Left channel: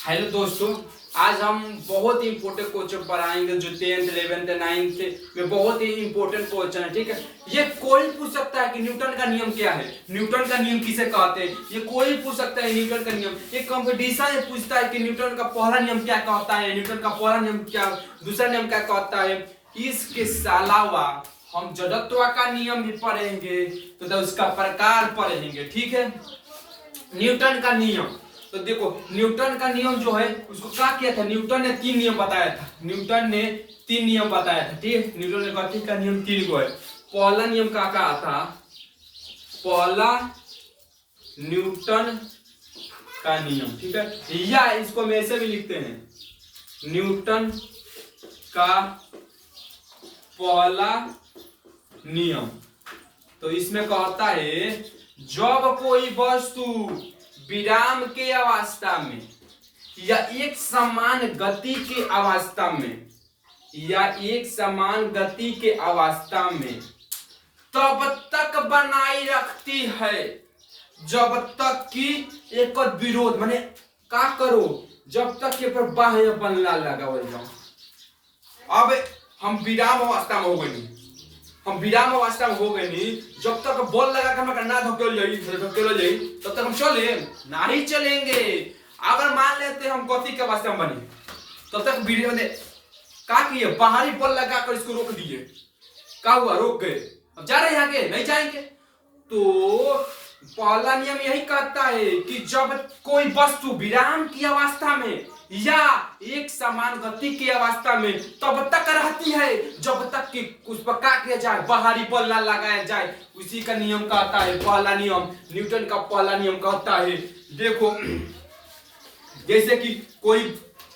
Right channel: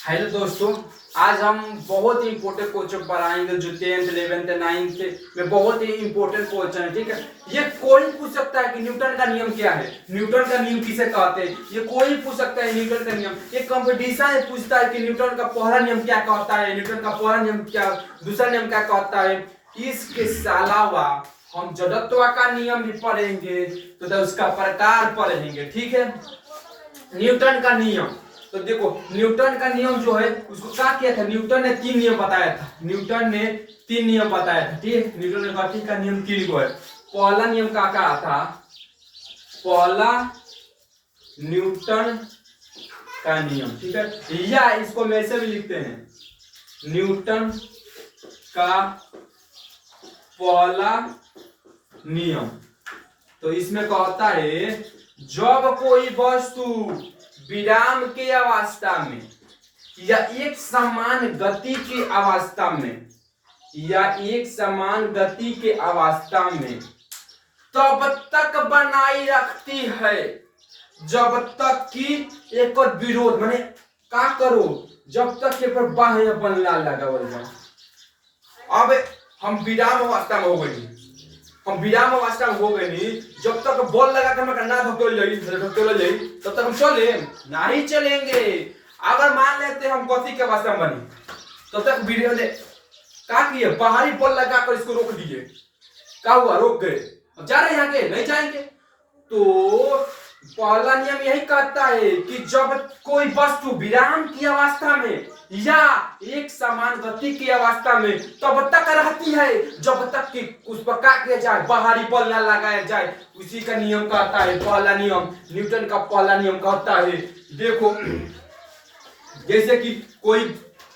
Hello दोस्तों, आज हम बहुत ही इंपॉर्टेंट क्वेश्चन पढ़ाएंगे जो 10th 11th 9th में बहुत ही इंपॉर्टेंट क्वेश्चन है। ठीक है, ये कोई पूछ सकता है कि न्यूटन का नियम क्या है, न्यूटन का नियम किसे कहते हैं, ये कोई पूछ सकता है न्यूटन का नियम। ये कंपटीशन में पूछता है कि न्यूटन का पहला नियम क्या कहता है, न्यूटन का पहला नियम क्या, दूसरा नियम क्या कहता है। इसके अलावा हम जड़त्व का नियम भी पढ़ेंगे तो उसका प्रकार पढ़ेंगे। ठीक है, न्यूटन का नियम, तो देखो न्यूटन का नियम जो है उसको क्या किया था, न्यूटन ने 3 नियम बताया था। न्यूटन ने 3 नियम बताया था। ठीक है, न्यूटन ने कहा का नियम 3 को है। पहला नियम क्या कहा था, पहला न्यूटन का नियम। ठीक है, या इसको हम ऐसे भी लिखते हैं, न्यूटन का पहला नियम। तो इसमें कहता है जब कोई वस्तु विराम के अवस्था में या एक समान गति की अवस्था में तब तक बनाई रखती है जब तक कि एक विरोध माने का करो, जब तक के पर बाह्य बनला लगा। अब हम विराम अवस्था में हो गई, जब तक बॉल लगा कर मैं ना धकेल जाई तब तक हम चले नहीं चलेंगे। अगर मान लेते हम गति के अवस्था में बनी तब तक वीडियो ने क्या किए, बाहरी बॉल लगा कर इसको रोक दिए। क्या हुआ, रोक गए, अब जा रहे हैं आगे नहीं जाएंगे। तो पहला नियम यही कहता है कि जब कोई वस्तु विराम की अवस्था में या एक समान गति की अवस्था में तब तक रहती है जब तक कि उस पर क्या किया जाए, बाहरी बल ना लगाया जाए। उसी का नियम कहता है पहला नियम, न्यूटन का पहला नियम कहता है। देखो जैसे कि कोई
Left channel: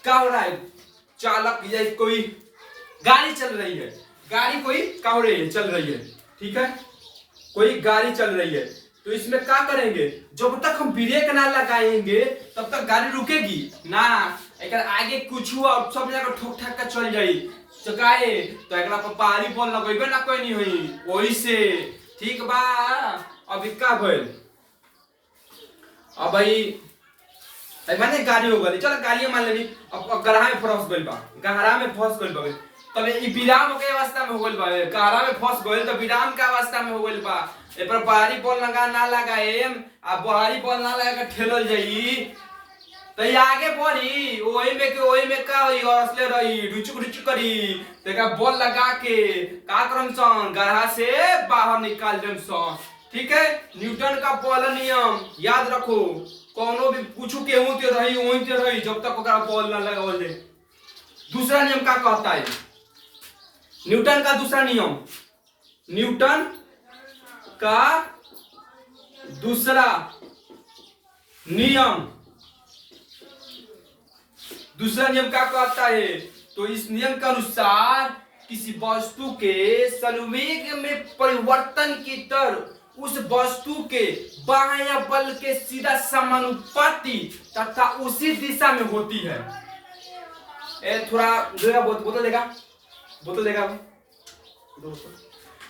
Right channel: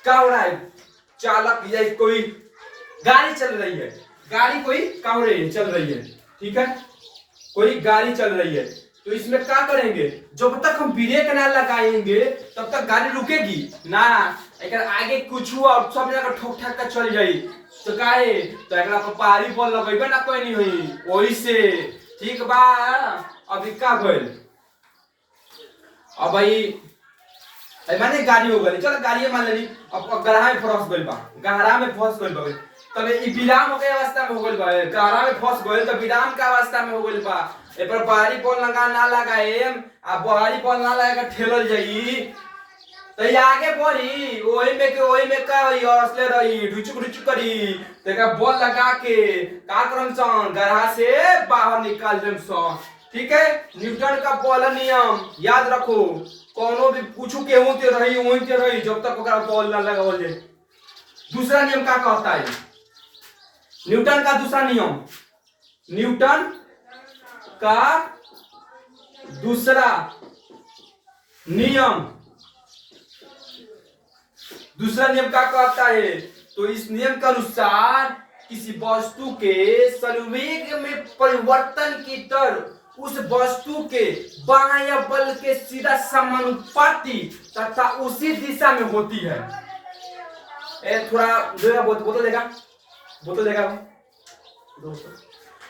क्या हो रहा है, चालक या कोई गाड़ी चल रही है, गाड़ी कोई क्या हो रही है, चल रही है। ठीक है, कोई गाड़ी चल रही है, तो इसमें क्या करेंगे, जब तक हम ब्रेक ना लगाएंगे तब तक गाड़ी रुकेगी ना। अगर आगे कुछ हुआ सब जगह ठोक ठाक कर चल जाई तो काहे, तो एकरा पर पारी बॉल लगेबे ना कोई नहीं हुई वही से। ठीक बा, अभी का भइल, अब भाई माने गाड़ी हो गई, चलो गाड़ी मान लेनी, अब गहरा में फंस गइल बा, तब ई विराम के अवस्था में हो गइल बा, गहरा में फंस गइल तो विराम के अवस्था में हो गइल बा। ए पर बाहरी बॉल लगा ना लगाए, आ बाहरी बॉल ना लगा के ठेलल जाई तो ये आगे बढ़ी, ओही में का होई, असले रही ढुचुक करी। तेका बॉल लगा के का करम सन, गहरा से बाहर निकाल देम सन। ठीक है, न्यूटन का पहला नियम याद रखो, कोनो भी कुछ के होते रही जब तक ओकरा बॉल ना लगावल जाए। दूसरा नियम का कहता है, न्यूटन का दूसरा नियम, न्यूटन का दूसरा नियम क्या कहता है, तो इस नियम के अनुसार किसी वस्तु के संवेग में परिवर्तन की दर उस वस्तु के बाह्य बल के सीधा समानुपाती तथा उसी दिशा में होती है। थोड़ा बोतल देगा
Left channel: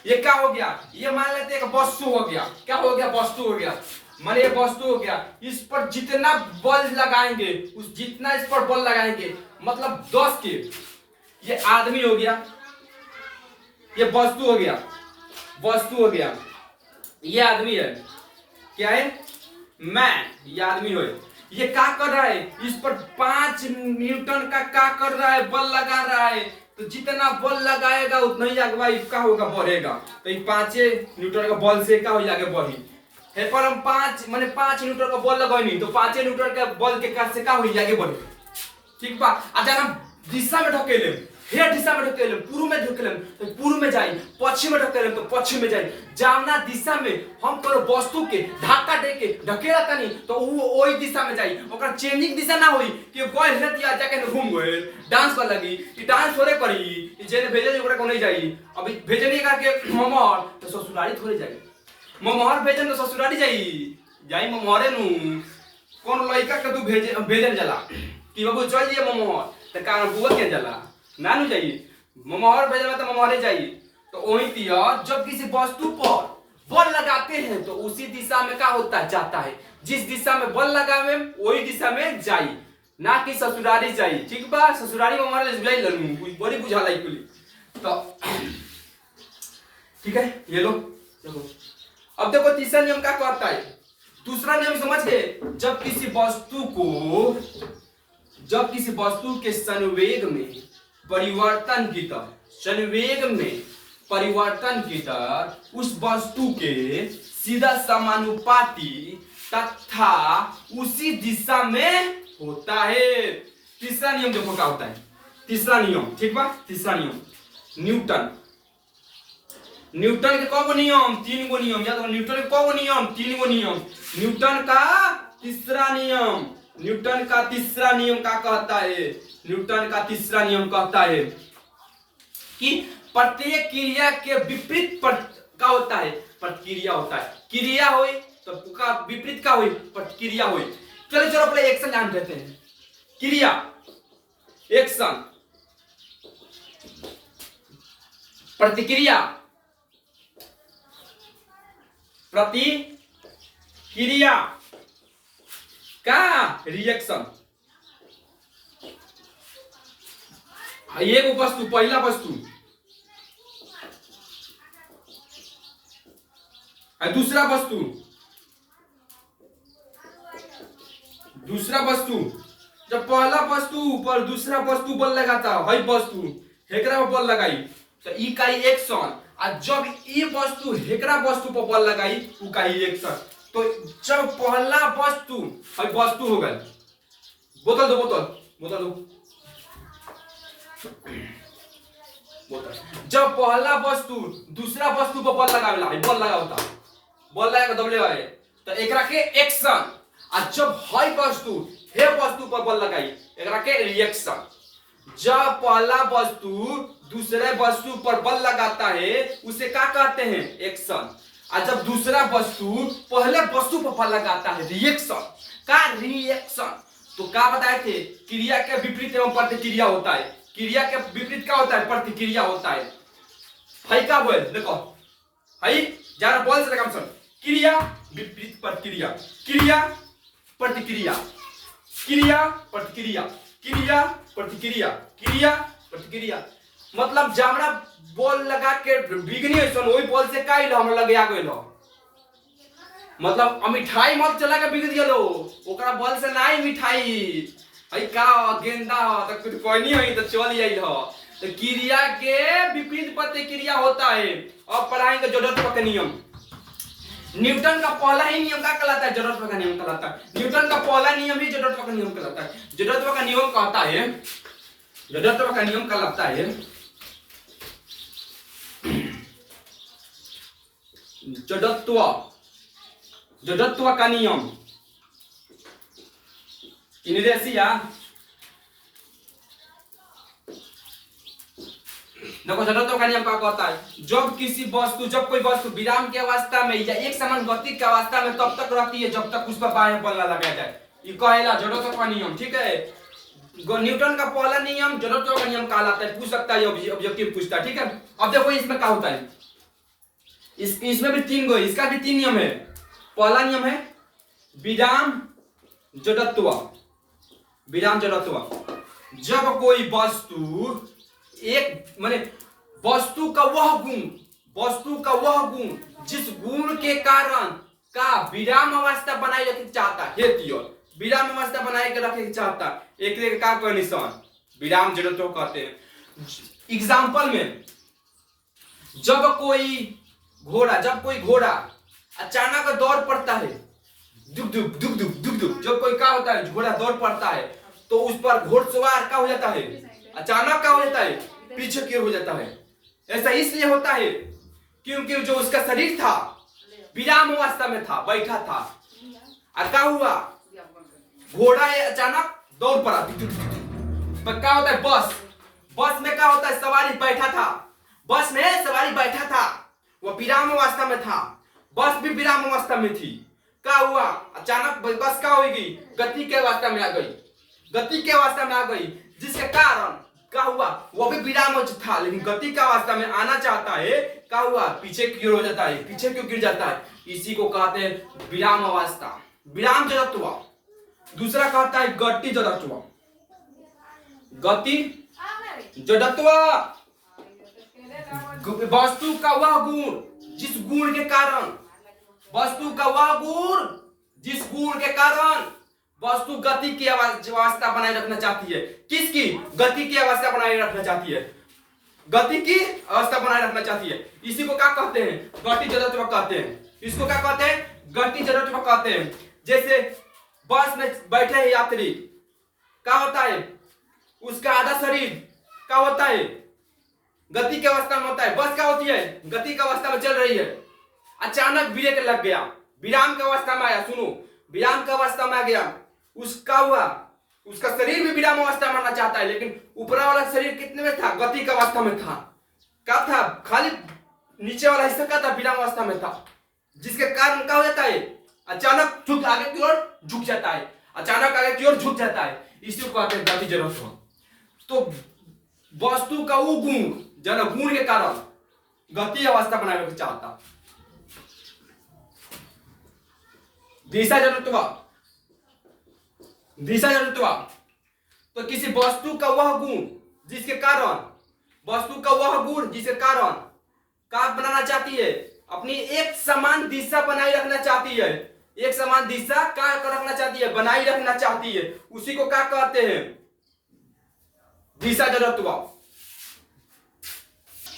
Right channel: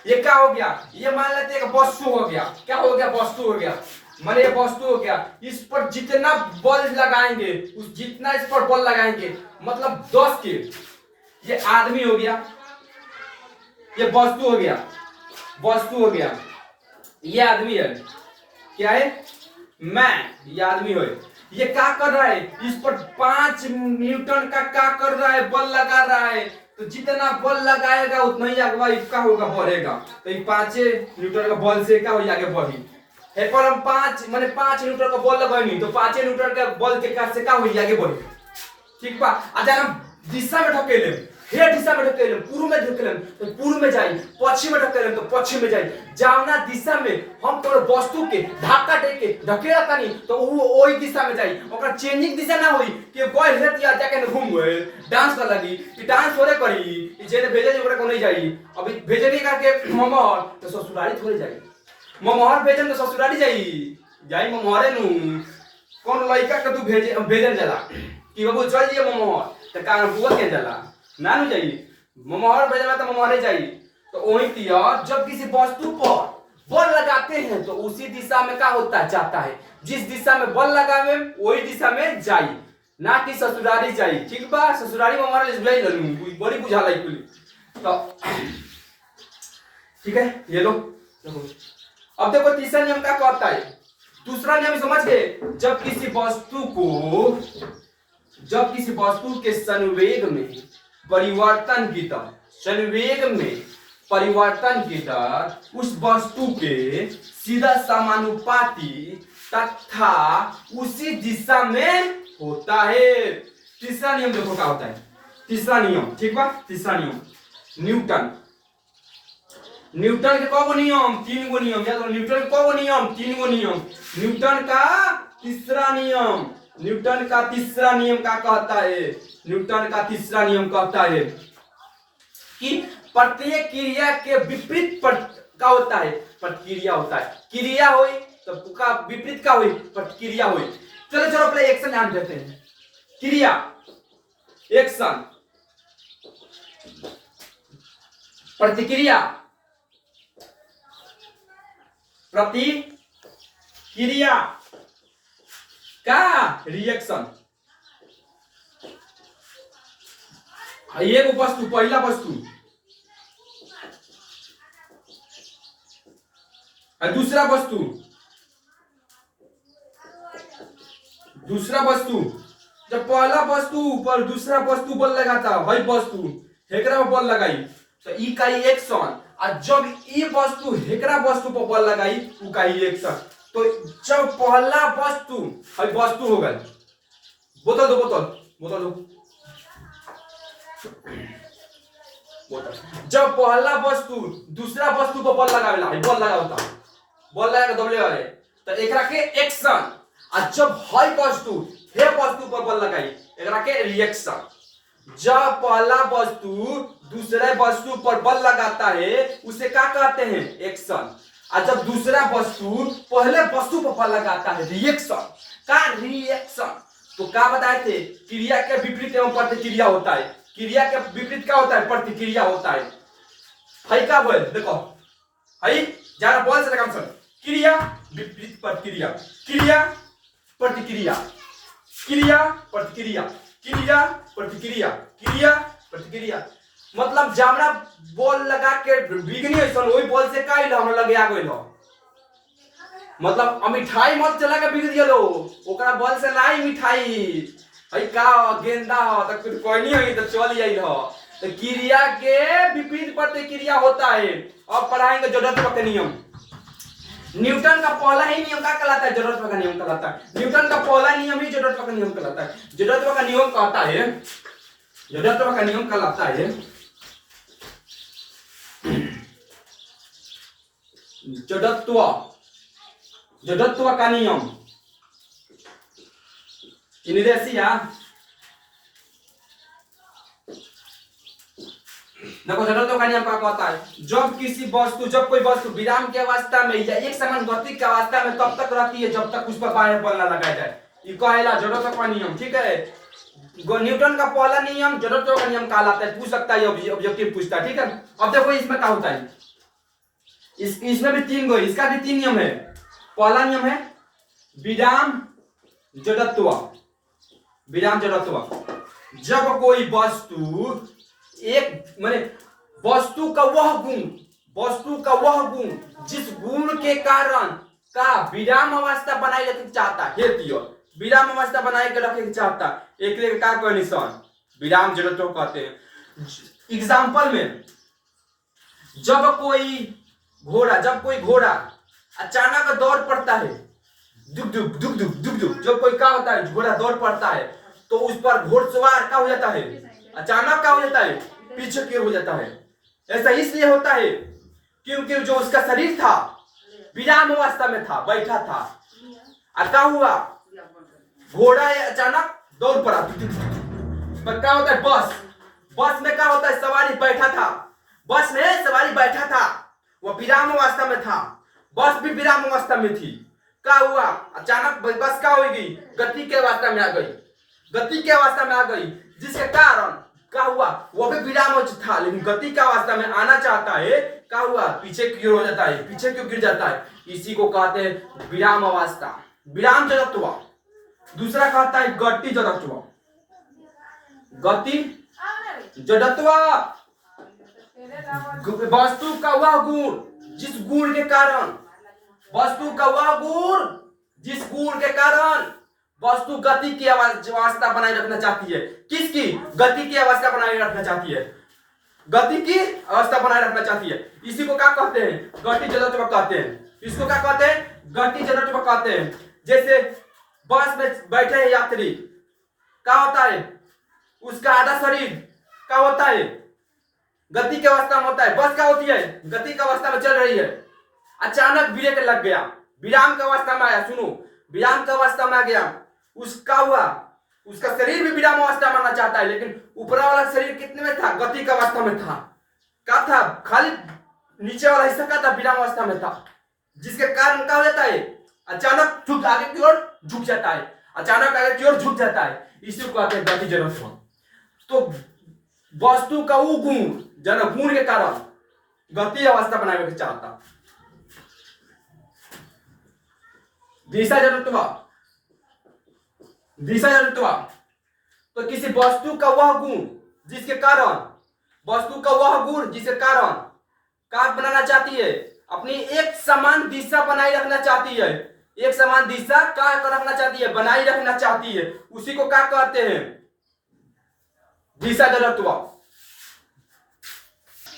ये क्या हो गया, ये मान लेते हैं वस्तु हो गया, क्या हो गया, वस्तु हो गया, माने ये वस्तु हो गया। इस पर जितना बल लगाएंगे जितना इस पर बल लगाएंगे मतलब 10 के, ये आदमी हो गया, ये वस्तु हो गया, ये आदमी है, क्या है, मैं, ये आदमी हो, ये क्या कर रहा है, इस पर 5 न्यूटन का क्या कर रहा है, बल लगा रहा है। तो जितना बल लगाएगा उतना ही आगे क्या होगा, बढ़ेगा। तो ये 5 न्यूटन का बल से क्या हो आगे बढ़ी है, पर हम 5 न्यूटन का बल लगानी तो 5 न्यूटन के बल के कारण से क्या हो आगे बढ़ी। ठीक बा, अगर हम दिशा में ढकेले, हे दिशा में ढकेले, पूर्व में ढकेले तो पूर्व में जाई, पश्चिम में ढकेले तो पश्चिम में जाई। जावना दिशा में हम कोनो वस्तु के धक्का दे के ढकेला तनी तो वो ओई दिशा में जाई, ओकरा चेंजिंग दिशा ना होई कि कोई हेत या जाके न घूम गए डांस कर लगी, ई डांस थोड़े करी, ई जेने भेजे ओकरा को नहीं जाई। अभी भेजे नहीं करके ममहर तो ससुराली थोड़े जाई, ममहर भेजन तो ससुराली जाई ममहरे नु। कौन लड़का के तू भेजल जाला कि बाबू चल दिए ममहर तो का बुआ के जाला ना नु जाइए, ममहर भेजला तो ममहरे जाइए। तो वही तिया जब किसी वस्तु पर बल लगाते हैं तो उसी दिशा में क्या होता है, जाता है। जिस दिशा में बल लगावे वही दिशा में जाई। ना कि ससुरारी चाहिए, ठीक बा। ससुरारी में हमारा ले लनू बड़ी बुझाला कुली तो ठीक है, ये लो देखो। अब देखो तीसरा नियम क्या कहता है। दूसरा नियम समझ गए, जब किसी वस्तु के संवेग में परिवर्तन की दर, संवेग में परिवर्तन की दर उस वस्तु के सीधा समानुपाती तथा उसी दिशा में होता है। तीसरा नियम देखो क्या होता है। तीसरा नियम, ठीक बा। तीसरा नियम न्यूटन के कौन नियम, 3 गो नियम याद रखो। न्यूटन के कौन नियम, 3 गो नियम। न्यूटन का तीसरा नियम क्या कहता है। न्यूटन का तीसरा नियम कहता है कि प्रत्येक क्रिया के विपरीत क्या होता है, प्रतिक्रिया होता है। क्रिया हुई तो का विपरीत क्या हुई, प्रतिक्रिया हुई। चलो चलो पहले एक्शन ध्यान देते हैं। क्रिया, एक्शन, प्रतिक्रिया, प्रतिक्रिया का रिएक्शन। एक वस्तु, पहला वस्तु, दूसरा वस्तु। जब पहला वस्तु पर दूसरा वस्तु बल लगाता है, वस्तु हेकरा पर बल लगाई तो ई का एक्शन। और जब ये वस्तु हेकरा वस्तु पर बल लगाई उ का रिएक्शन। तो जब पहला वस्तु हो गई, बोतल दो जब पहला वस्तु दूसरा वस्तु पर बल लगावेला, बल लगा के दबले है तो एकरा के एक्शन। और जब वस्तु पर बल लगाई एकरा के रिएक्शन। जब पहला वस्तु दूसरे वस्तु पर बल लगाता है उसे क्या कहते हैं, एक्शन। और जब दूसरा वस्तु पहले वस्तु पर बल लगाता है, रिएक्शन। तो क्या बताए थे, क्रिया के विपरीत एवं प्रतिक्रिया होता है। क्रिया के विपरीत क्या होता है, प्रतिक्रिया होता है। क्या बोल देखो, जरा बोल से काम सुन। क्रिया विपरीत प्रतिक्रिया, क्रिया प्रतिक्रिया, क्रिया प्रतिक्रिया, क्रिया प्रतिक्रिया, क्रिया प्रतिक्रिया। मतलब जामरा बॉल लगा के बिगनी है सन, वही बॉल से का हमरा लगे आ गइल। मतलब मिठाई मत चला के बिग दियो, ओकरा बॉल से नहीं मिठाई का गेंदा हो तो कुछ कोई नहीं है तो चल जाइल हो। तो क्रिया के विपरीत प्रतिक्रिया होता है। अब पढ़ाएंगे जड़त्व का नियम। न्यूटन का पहला ही नियम क्या कहलाता है, जड़त्व का नियम कहलाता है। न्यूटन का पहला नियम ही जड़त्व का नियम कहलाता है। जड़त्व का नियम कहता है, जड़त्व का नियम कहलाता है जड़त्व का नियम। देखो जड़त्व का नियम क्या कहता है, जब कोई वस्तु विराम की अवस्था में या एक समान गति की अवस्था में तब तक रहती है जब तक उस पर बाह्य बल न लगाया जाए, ये कहला जड़त्व का नियम। ठीक है, न्यूटन का पहला नियम जड़त्व का नियम कहलाता है। पूछ सकता है, ऑब्जेक्टिव पूछता है। ठीक है, अब देखो इसमें क्या होता है, इसमें भी 3 गो, इसका भी 3 नियम है। पहला नियम है विराम जड़त्व। विराम जड़त्व, जब कोई वस्तु एक माने वस्तु का वह गुण जिस गुण के कारण का विराम अवस्था बनाए रखे चाहता है, विराम अवस्था बनाए के रखे चाहता है, एक का कोई निशान विराम जड़त्व कहते हैं। एग्जांपल में जब कोई घोड़ा अचानक दौड़ पड़ता है, दुक दुक दुक दुक दुक दुक, जब कोई क्या होता है, घोड़ा दौड़ पड़ता है तो उस पर घोड़सवार क्या हो जाता है, अचानक क्या हो जाता है, पीछे की ओर हो जाता है। ऐसा इसलिए होता है क्योंकि जो उसका शरीर था विराम अवस्था में था, बैठा था। और क्या हुआ, घोड़ा अचानक दौड़ पड़ा। क्या होता है, बस में क्या होता है, सवारी बैठा था, बस में सवारी बैठा था, वो विराम अवस्था में था, बस भी विराम अवस्था में थी। क्या हुआ, अचानक बस क्या होगी, गति के अवस्था में आ गई, जिसके कारण क्या हुआ, वो भी विराम था लेकिन गति की अवस्था में आना चाहता है। क्या हुआ, पीछे की ओर हो जाता है, पीछे क्यों गिर जाता है। इसी को कहते हैं विराम अवस्था, विराम जड़त्व। दूसरा कहता है गति जड़त्व। गति जड़त्व वस्तु का वह गुण जिस गुण के कारण, वस्तु का वह गुण जिस गुण के कारण वस्तु गति की अवस्था बनाए रखना चाहती है। किसकी? गति की अवस्था बनाए रखना चाहती है, गति की अवस्था बनाए रखना चाहती है। इसी को क्या कहते हैं? गति जड़त्व कहते हैं। इसको क्या कहते हैं? गति जड़त्व कहते हैं। जैसे बस में बैठे हैं यात्री, क्या होता है? उसका आधा शरीर क्या होता है? गति की अवस्था में होता है। बस क्या होती है? गति की अवस्था में चल रही है, अचानक ब्रेक लग गया, विराम की अवस्था में आया। सुनो, विराम की अवस्था में आ गया, उसका हुआ, उसका शरीर भी विराम अवस्था में आना चाहता है, लेकिन ऊपर वाला शरीर कितने में था? गति की अवस्था में था। क्या था? खाली नीचे वाला हिस्सा क्या था? विराम अवस्था में था, जिसके कारण क्या हो जाता है? अचानक झुक आगे की ओर झुक जाता है, अचानक आगे की ओर झुक जाता है। इसी को कहते हैं गति जड़त्व। तो वस्तु का वो गुण जन गुण के कारण गति अवस्था बनाए रखना चाहता। दिशा जड़त्व, दिशा जड़त्व तो किसी वस्तु का वह गुण जिसके कारण, वस्तु का वह गुण जिसके कारण क्या बनाना चाहती है? अपनी एक समान दिशा बनाए रखना चाहती है, एक समान दिशा क्या रखना चाहती है? बनाई रखना चाहती है। उसी को क्या कहते हैं? दिशा जड़त्व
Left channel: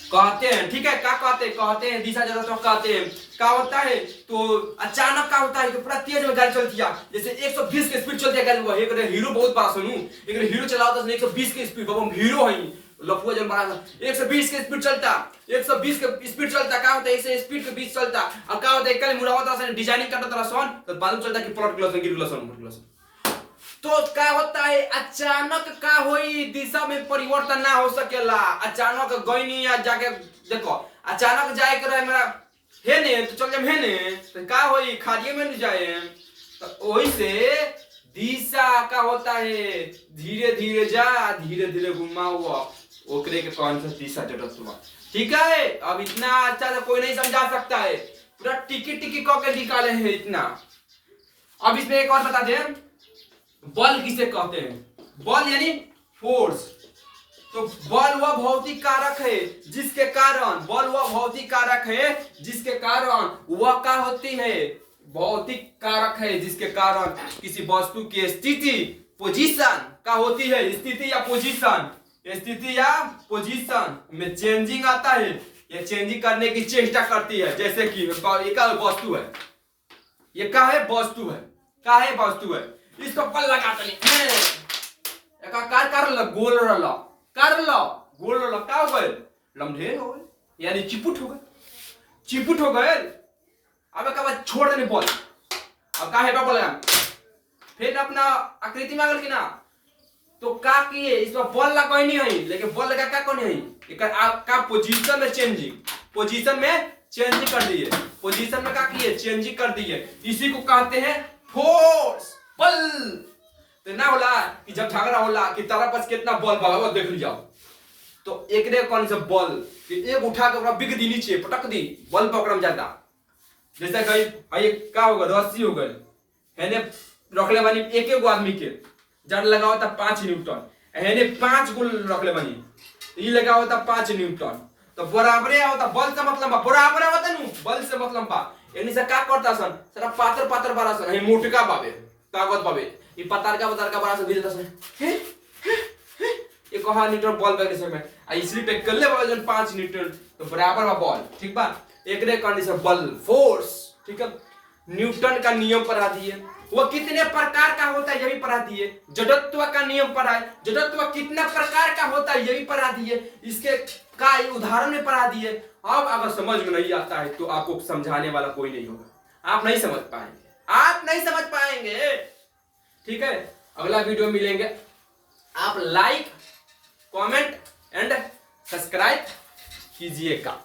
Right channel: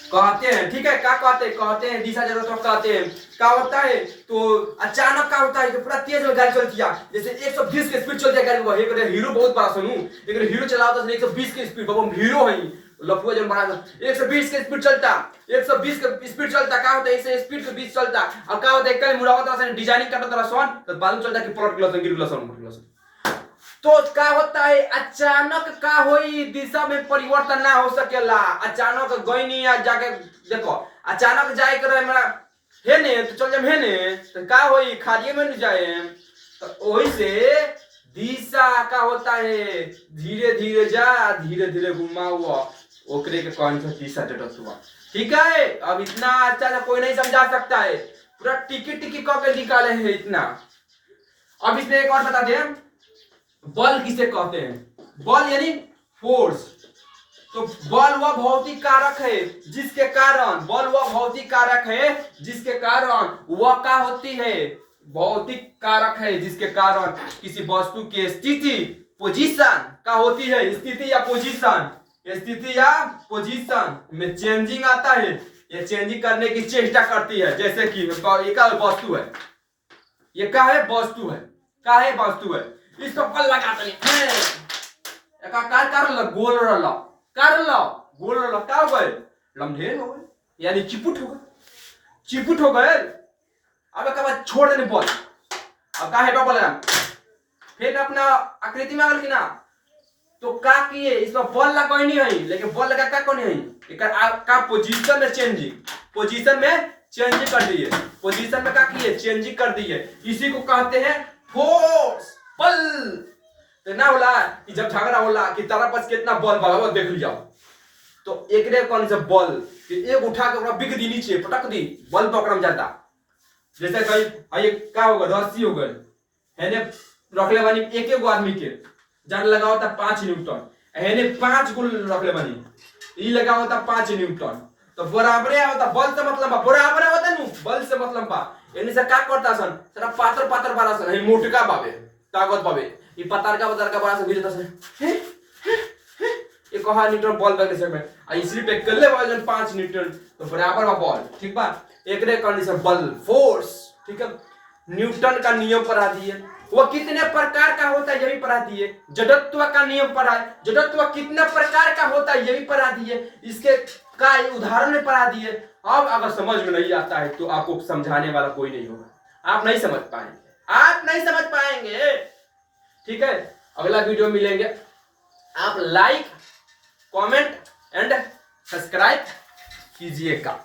कहते हैं। ठीक है, क्या कहते हैं? कहते हैं दिशा जड़त्व कहते हैं। क्या होता है? तो अचानक क्या होता है कि पूरा तेज में गाड़ी चलती है, जैसे 120 की स्पीड चलती है गाड़ी। वो एक हीरो बहुत बड़ा सुनू, एक हीरो चला होता है 120 की स्पीड, बाबा हम हीरो हैं, लफुआ जन बड़ा 120 की स्पीड चलता, 120 की स्पीड चलता। क्या होता है? 100 स्पीड के 20 चलता। अब क्या होता है? कल मुड़ावा तरह से डिजाइनिंग करता तरह सोन तो मालूम चलता कि प्लॉट ग्लास गिर ग्लास। तो क्या होता है? अचानक क्या होई? दिशा में परिवर्तन ना हो सकेला। अचानक गईनी जाके देखो, अचानक जाए कर मेरा है ने तो चल जाए है ने तो क्या होई? खारिये में न जाए। तो वही से दिशा का होता है धीरे धीरे जा, धीरे धीरे घुमाओ, ओकरे के कौन सा दिशा जड़त्व। ठीक है, अब इतना अच्छा से कोई नहीं समझा सकता है, पूरा टिकी टिकी कह के निकाले हैं इतना। अब इसमें एक और बता दें, बल किसे कहते हैं? बल यानी फोर्स। तो बल वह भौतिक कारक है जिसके कारण, बल वह भौतिक कारक है जिसके कारण वह क्या होती है? भौतिक कारक है जिसके कारण किसी वस्तु की स्थिति, पोजीशन का होती है। स्थिति या पोजीशन, स्थिति या पोजीशन में चेंजिंग आता है, यह चेंजिंग करने की चेष्टा करती है। जैसे कि एक वस्तु है, ये क्या है? वस्तु है। क्या है? वस्तु है। इसको पल लगा कर लो, गोल रलो कर लो, गोल रलो, क्या हो गए? लम्ढेर हो गए, यानी चिपुट हो गए, चिपुट हो गए। अब एक बार छोड़ देने बॉल, अब का है बोला फिर अपना आकृति में आगल की ना, तो का किए? इसमें बॉल लगा कोई नहीं है, लेकिन बॉल लगा क्या कोई नहीं है? एक का पोजीशन में चेंजिंग, पोजीशन में चेंज कर दिए, पोजीशन में क्या किए? चेंजिंग कर दिए। इसी को कहते हैं फोर्स, बल। तो ना होला कि जब झगड़ा होला कि तारा पास कितना बल बाबा देख लिया, तो एक रे कौन सा बल कि एक उठा के बिग दी नीचे पटक दी, बल पकड़ में जाता। जैसे कहीं ये क्या होगा? रस्सी हो गई है ने रखले बानी एक गो आदमी के जड़ लगा होता 5 न्यूटन, है ने 5 गुण रखले बानी, ये लगा होता 5 न्यूटन, तो बराबरे होता। बल से मतलब बराबर होता नु, बल से मतलब बा एनी से का करता सन सारा पातर पातर बारा सन, है मोटका बाबे ताकत बाबे, ये पतार का बारा सन गिरता सन हे ये कहा न्यूटन बॉल बैग से में आ इसलिए पे कर ले वजन 5 न्यूटन, तो बराबर बा बॉल। ठीक बा, एकरे कंडीशन बल, फोर्स। ठीक है, न्यूटन का नियम पढ़ा दिए, वो कितने प्रकार का होता है ये भी पढ़ा दिए। जड़त्व का नियम पढ़ा है, जड़त्व कितना प्रकार का होता है ये भी पढ़ा दिए, इसके का उदाहरण में पढ़ा दिए। अब अगर समझ में नहीं आता है तो आपको समझाने वाला कोई नहीं होगा, आप नहीं समझ पाएंगे, आप नहीं समझ पाएंगे। ठीक है, अगला वीडियो मिलेंगे, आप लाइक कमेंट एंड सब्सक्राइब कीजिएगा।